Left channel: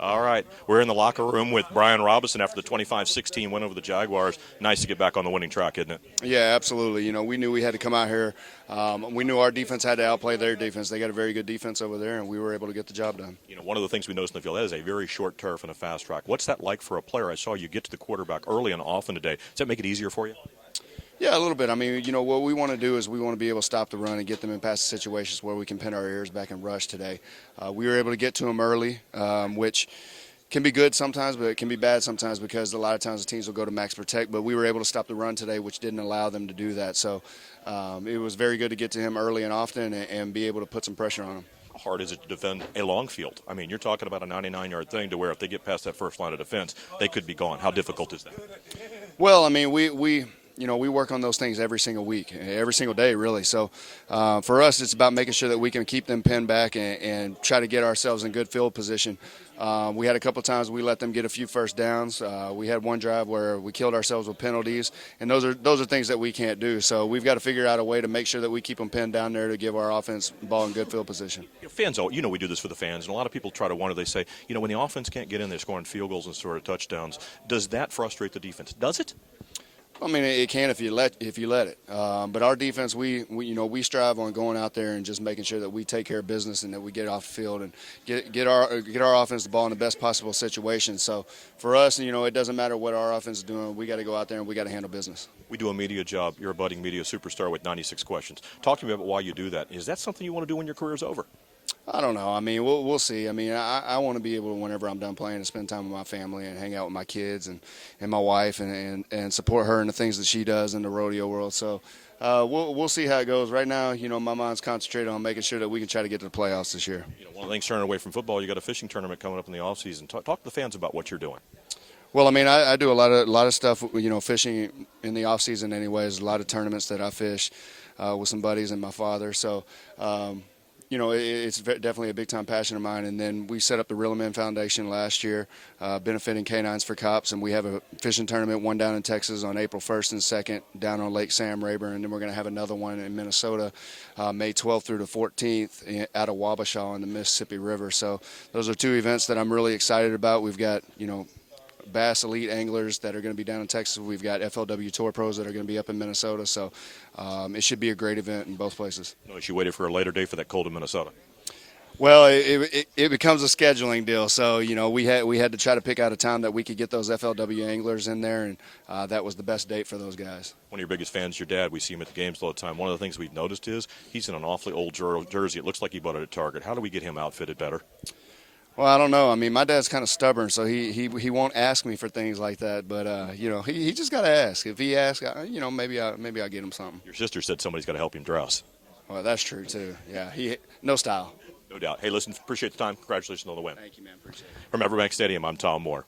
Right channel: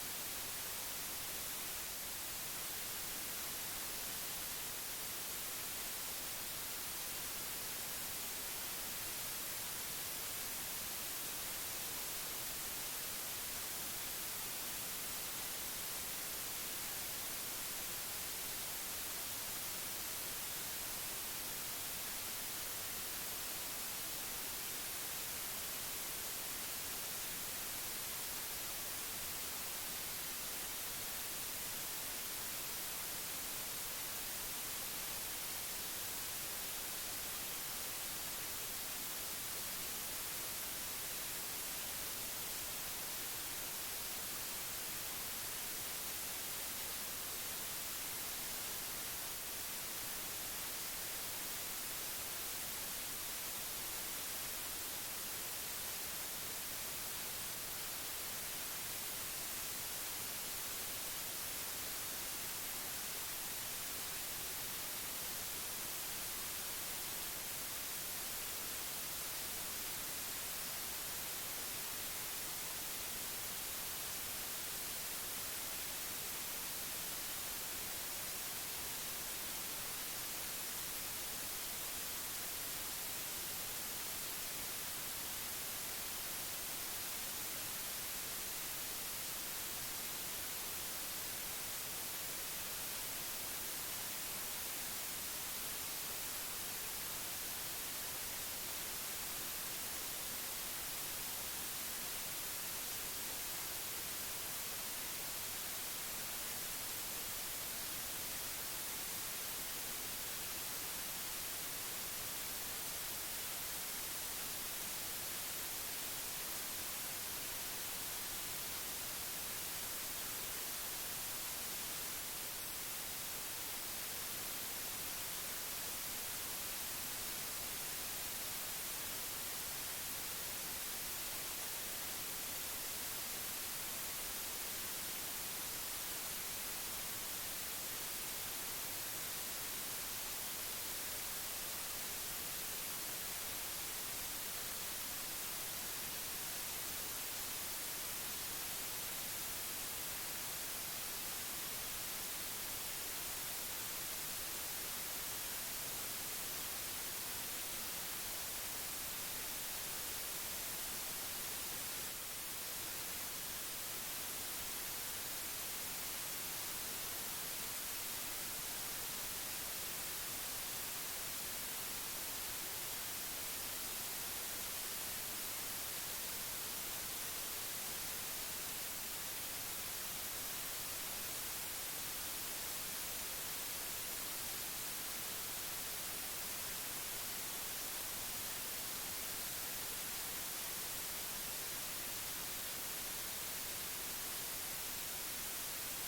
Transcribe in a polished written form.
All right. We're in the locker room with Brian Robison after the 25-16 win over the Jaguars. Nice to get back on the winning track, isn't it? Yeah, absolutely. We knew we had to come out here. We knew our defense had to outplay their defense. They got a very good defense over there, and we were able to get the job done. One of the things we noticed in the field, that is a very short turf and a fast track. What's that like for a player? I saw you get to the quarterback early and often today. Does that make it easier for you? Yeah, a little bit. What we want to do is we want to be able to stop the run and get them in pass situations where we can pin our ears back and rush today. We were able to get to them early, which can be good sometimes, but it can be bad sometimes because a lot of times the teams will go to max protect. But we were able to stop the run today, which didn't allow them to do that. So it was very good to get to him early and often and be able to put some pressure on him. How hard is it to defend a long field? I mean, you're talking about a 99-yard thing to where if they get past that first line of defense, they could be gone. How difficult is that? Well, we work on those things every single week, every single day, really. So for us, it's about making sure that we can keep them pinned back and try to get ourselves in good field position. We had a couple times we let them get a few first downs. We had one drive where we killed ourselves with penalties, and those are things that we can't do. So we've got to figure out a way to make sure that we keep them pinned down there to give our offense the ball in good field position. Fans, we do this for the fans, and a lot of people try to wonder. They say, when the offense can't get in there scoring field goals and sort of touchdowns, does that frustrate the defense? Does it? I mean, it can if you let it. But our defense, we strive on going out there and just making sure that we take care of business and that we get off the field and get our offense the ball in the best possible situation. So for us, it doesn't matter what our offense is doing. We got to go out there and we got to handle business. We do a media job. You're a budding media superstar with 96 questions. Talk to me about why you do that. Is that something you want to do when your career's over? I don't know. I mean, we'll see. I mean, I want to be able, whenever I'm done playing, to spend time with my family and hang out with my kids and my wife and support her in the things that she does in the rodeo world. So we'll see how it goes. Right now, my mind's concentrated on making sure that we can try to get to the playoffs this year. One of the things turning away from football, you got a fishing tournament coming up in the offseason. Talk to the fans about what you're doing. Well, I mean, I do a lot of stuff, fishing in the off season anyways. A lot of tournaments that I fish with some buddies and my father. So it's definitely a big-time passion of mine. And then we set up the Reel 'em In Foundation last year, benefiting canines for cops. And we have a fishing tournament, one down in Texas on April 1st and 2nd, down on Lake Sam Rayburn. And then we're going to have another one in Minnesota, May 12th through the 14th, out of Wabasha in the Mississippi River. So those are two events that I'm really excited about. We've got, Bass Elite anglers that are going to be down in Texas. We've got FLW Tour pros that are going to be up in Minnesota. So it should be a great event in both places. You waited for a later day for that cold in Minnesota. Well, it becomes a scheduling deal. So, we had to try to pick out a time that we could get those FLW anglers in there, and that was the best date for those guys. One of your biggest fans, your dad, we see him at the games all the time. One of the things we've noticed is he's in an awfully old jersey. It looks like he bought it at Target. How do we get him outfitted better? Well, I don't know. I mean, my dad's kind of stubborn, so he won't ask me for things like that. But he just got to ask. If he asks, maybe I'll get him something. Your sister said somebody's got to help him dress. Well, that's true too. Yeah, no style. No doubt. Hey, listen, appreciate the time. Congratulations on the win. Thank you, man. Appreciate it. From Everbank Stadium, I'm Tom Moore.